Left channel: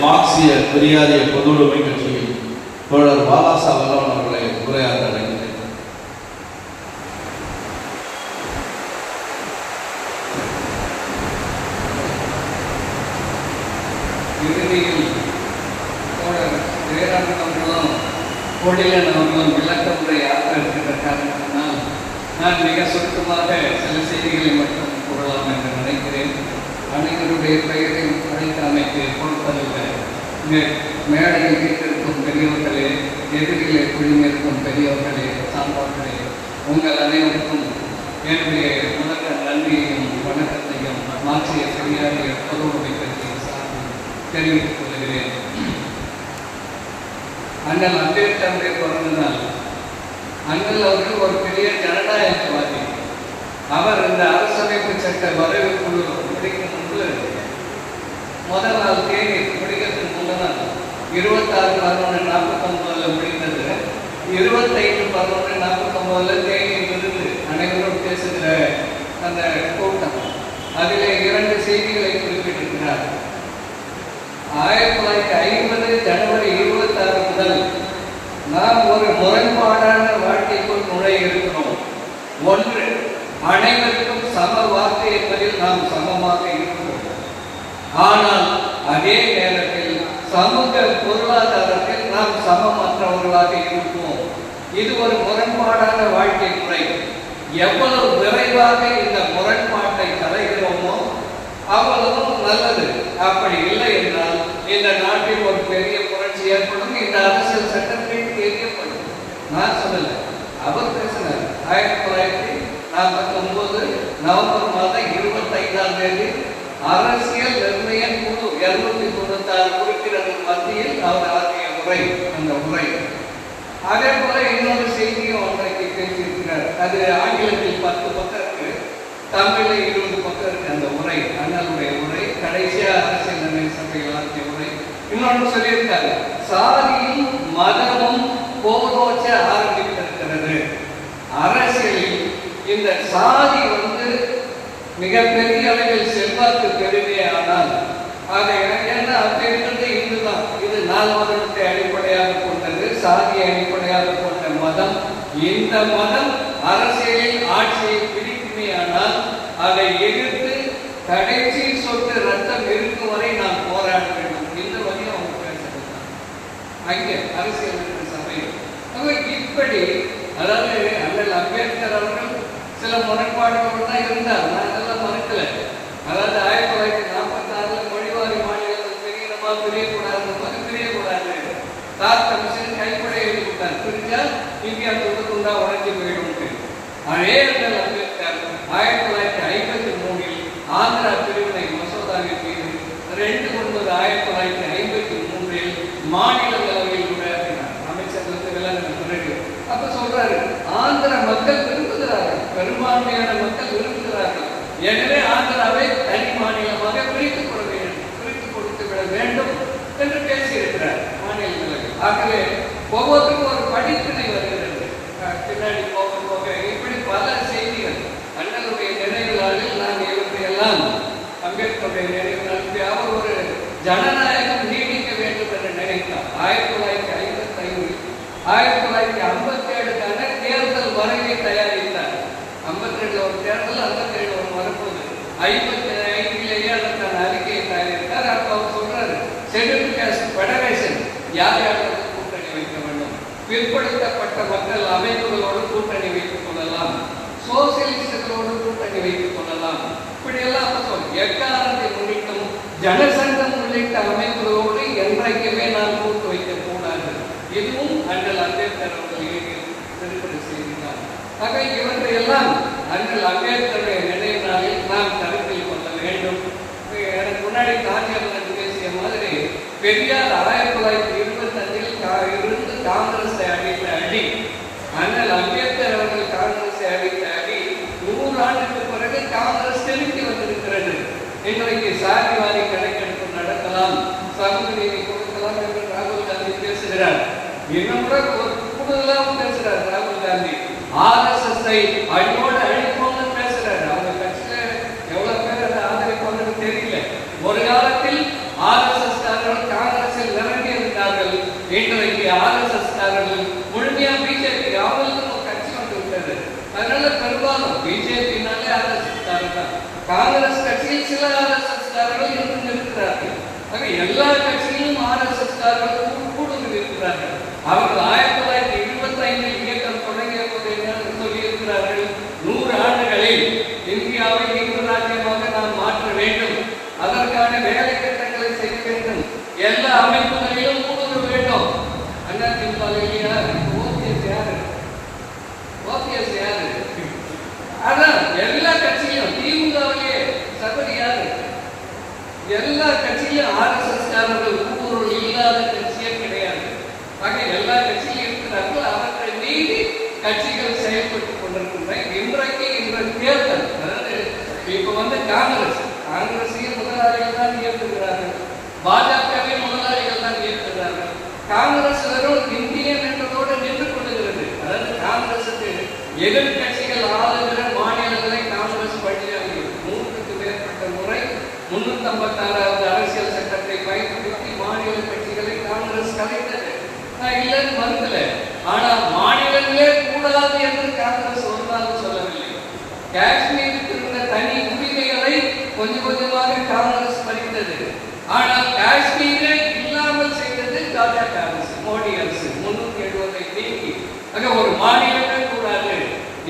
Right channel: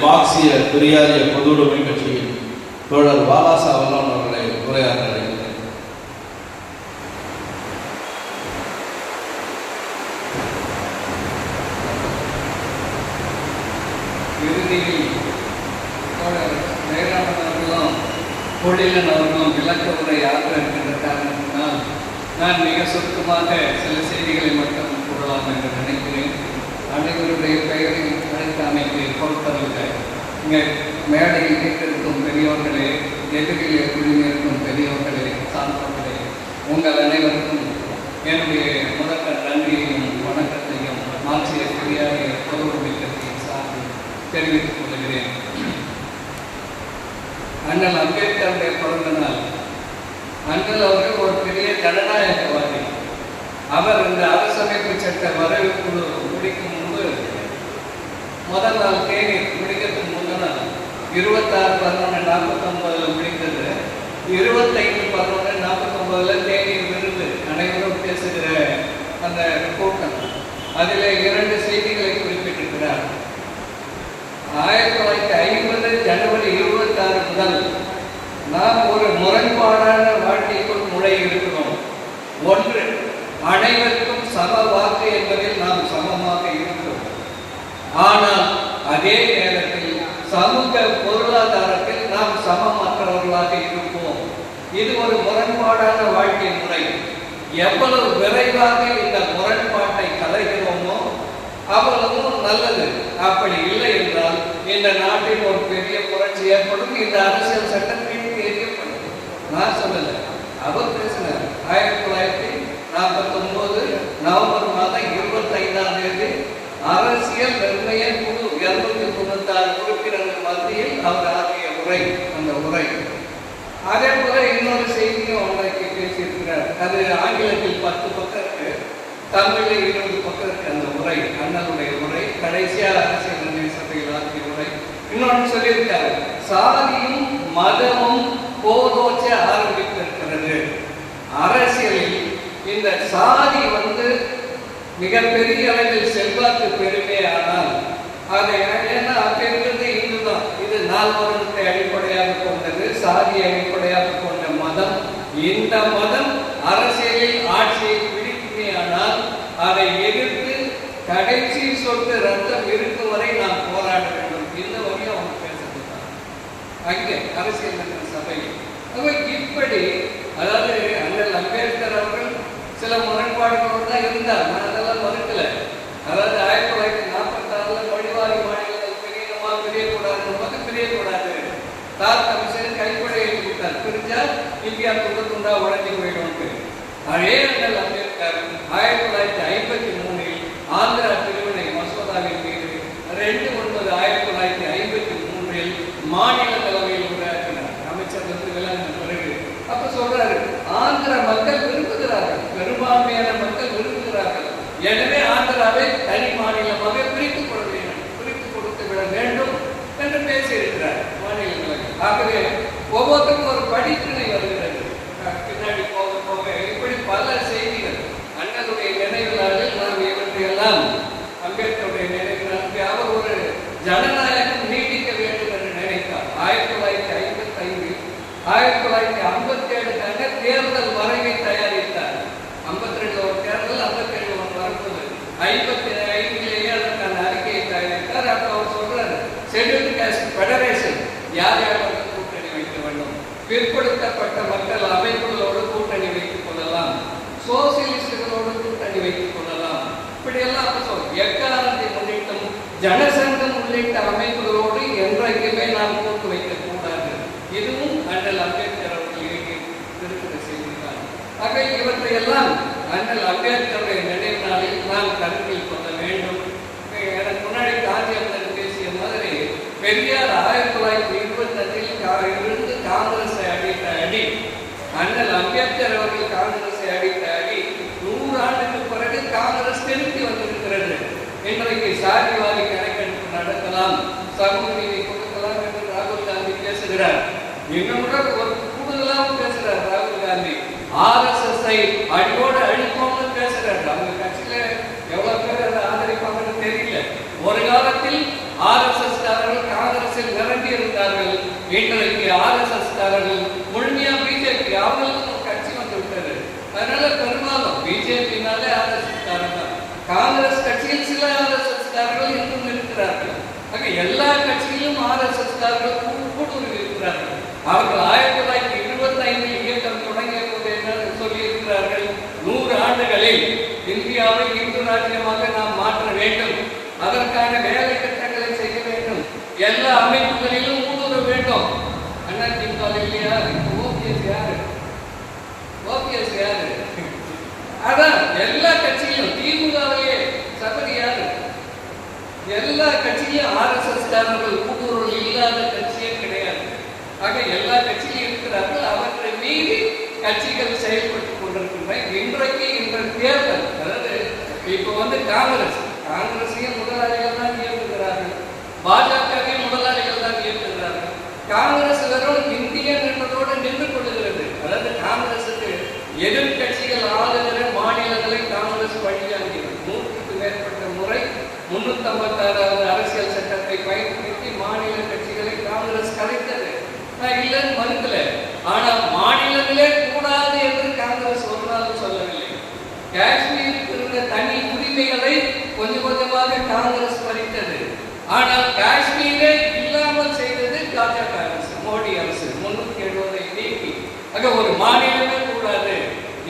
மார்க்சிய பெரியாரிய பொதுவுடைமை கட்சியில் தோழர் பாலாசா வல்லவன் அவர்களை உரையாட அடைகிறேன் இறுதியில் தோழர் ஜெயராமன் அவர்களும் பொழிலன் அவர்களும் விளக்கமுறை ஆக இருக்கின்ற காரணத்தினால் நான் மிக சுருக்கமாக சில செய்திகளை மட்டும் கூறலாம் என்று நினைக்கிறேன். அனைவருடைய பெயரை மேடையில் வீட்டிற்கும் பெரியோர்களே எதிரிலே குழுமிருக்கும் பெரியோர்களே சார்ந்தவர்களே உங்கள் அனைவருக்கும் என்னுடைய இருபத்தாறு பதினொன்று நாற்பத்தொன்பதில் முடிந்தது இருபத்தை எவ்வளவு விரைவாக அது ஆங்கிலத்தில் பத்து பக்கம் இருக்கு. தமிழில் இருபது பக்கம் இருக்கு அந்த உரை அண்ணனுடைய உரை கடைசியாக அரசியல் நிர்ணய சபை ஆற்றிய உரை. இன்னொன்று சொல்லியிருக்காரு சாதியில் மத gracias. চ্যানেলগুলো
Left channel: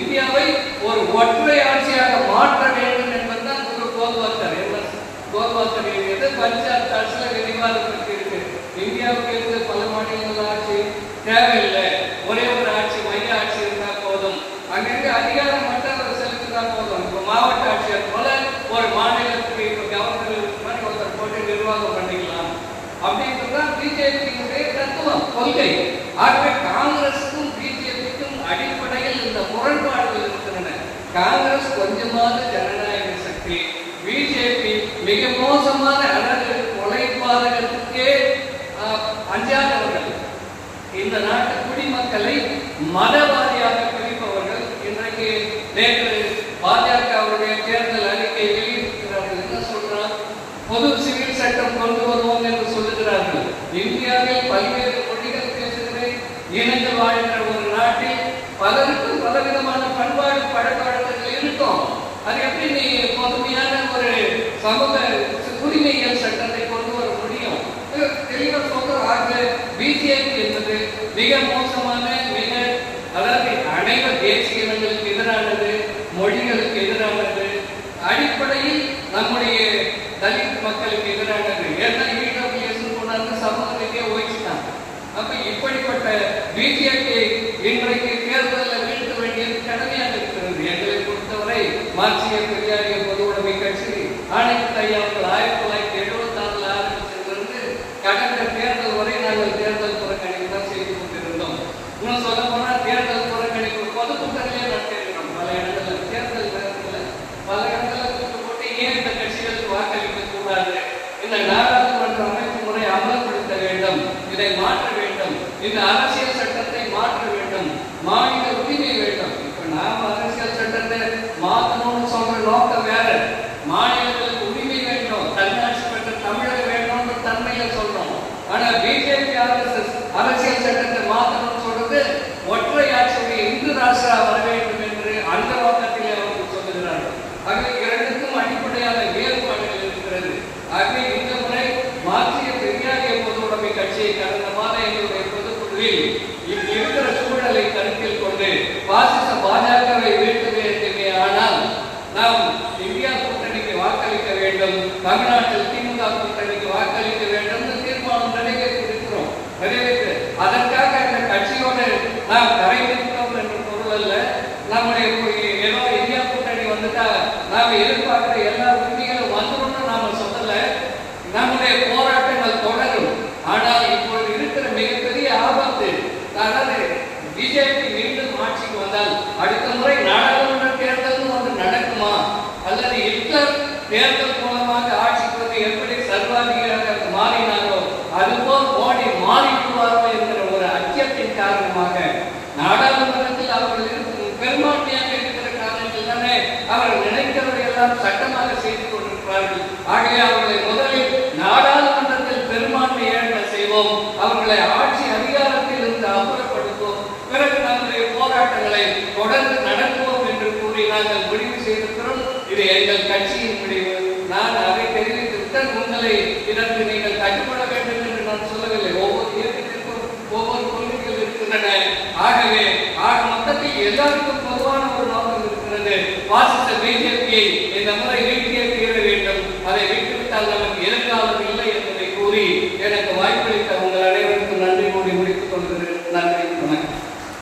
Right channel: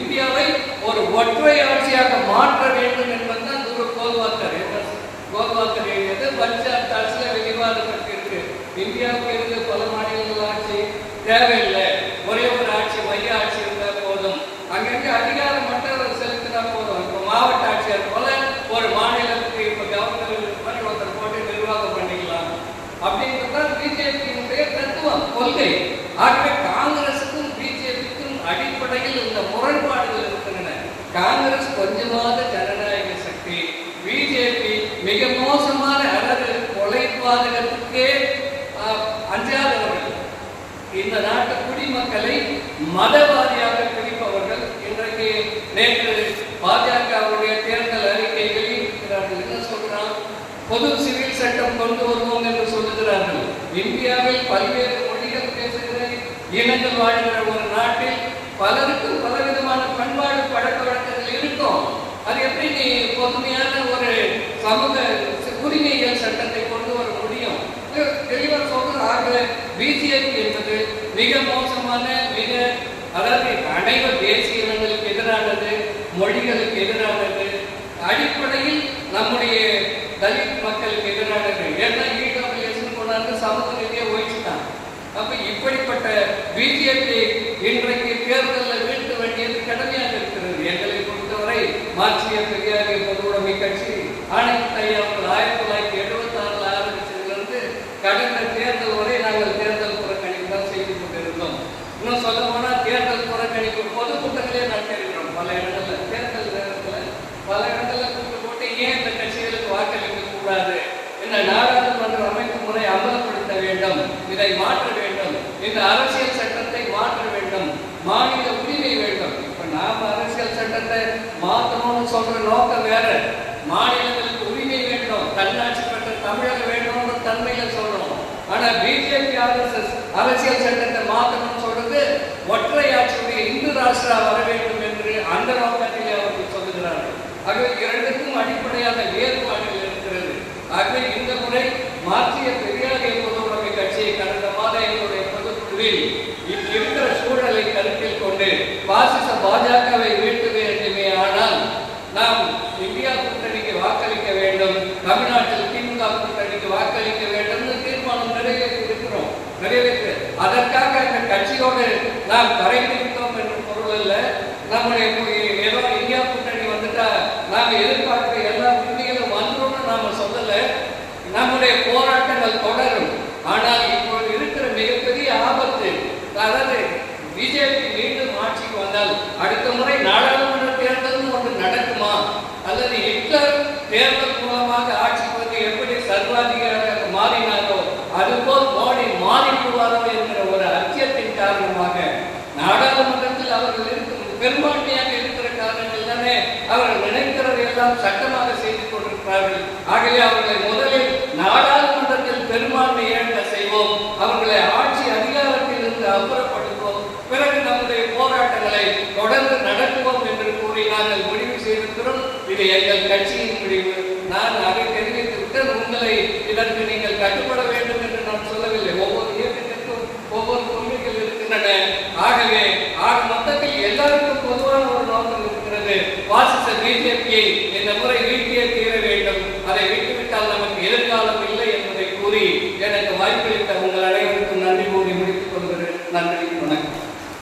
இந்தியாவை இந்த நாட்டு குடிமக்களை மதவாதியாக பிடிப்பவர்கள் இன்றைக்கு நேற்று பாஜகவுடைய தேர்தல் அறிக்கை இருக்கிறார்கள். என்ன சொல்றான் பொது சிவில் சட்டம் கொண்டு வருவோம் என்று சொல்லுகிறார்கள். இந்தியாவில் பல்வேறு மொழிகள் பேசுகிற இனங்கள் வாழ்கிற ಆಗಲೇ